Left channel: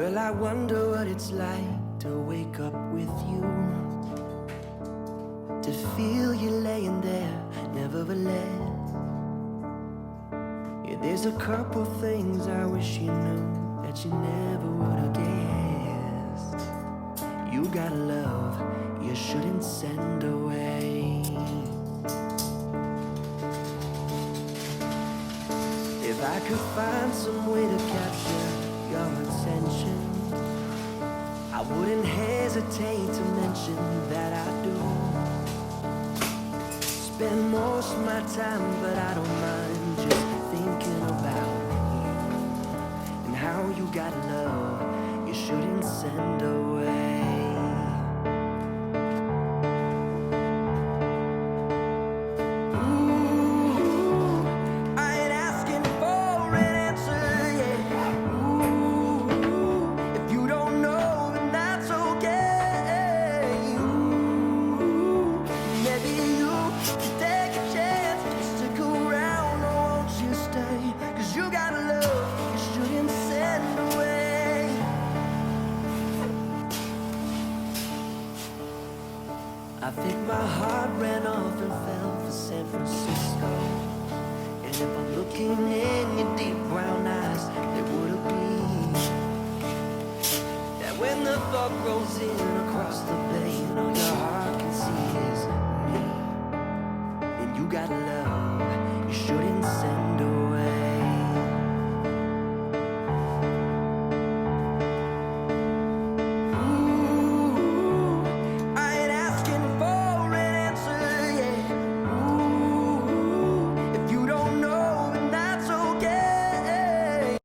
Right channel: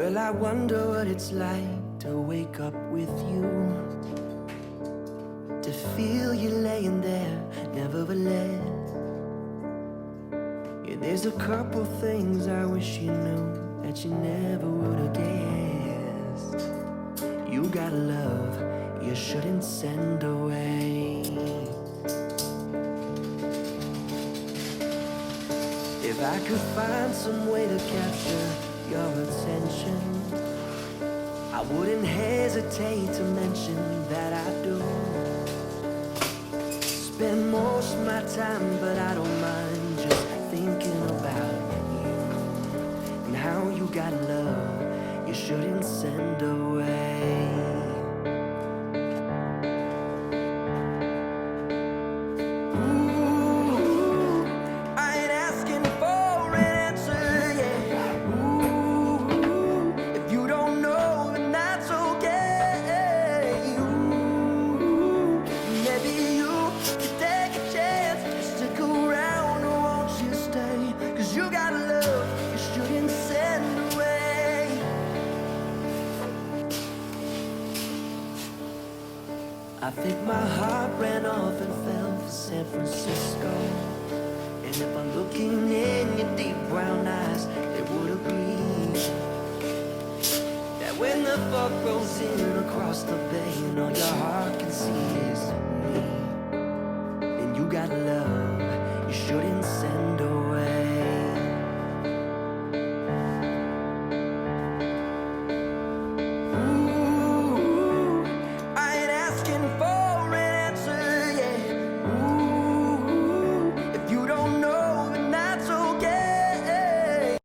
Well, I wonder what it's like to wake up with you, to feel you laying there, nevertheless. Yeah, there's a couple things I wish you knew that you never would have guessed. You got love you shouldn't send away. If I could find some way to capture your attention, I wouldn't hesitate to mention that I do. Spend most of my time, but I don't mind just thinking about you and how you got love you shouldn't send away. Ooh, I ain't asking for an answer, yeah. Ooh, if you don't know, then that's okay. Ooh, maybe you could take a chance and stick around, or won't you stay? 'Cause you got love you shouldn't send away. I think my heart ran off and fell for San Francisco. And if I'm looking in your deep brown eyes, they would agree that when the fog rolls in across the bay and all your heart can see is me, then you got love you shouldn't send away.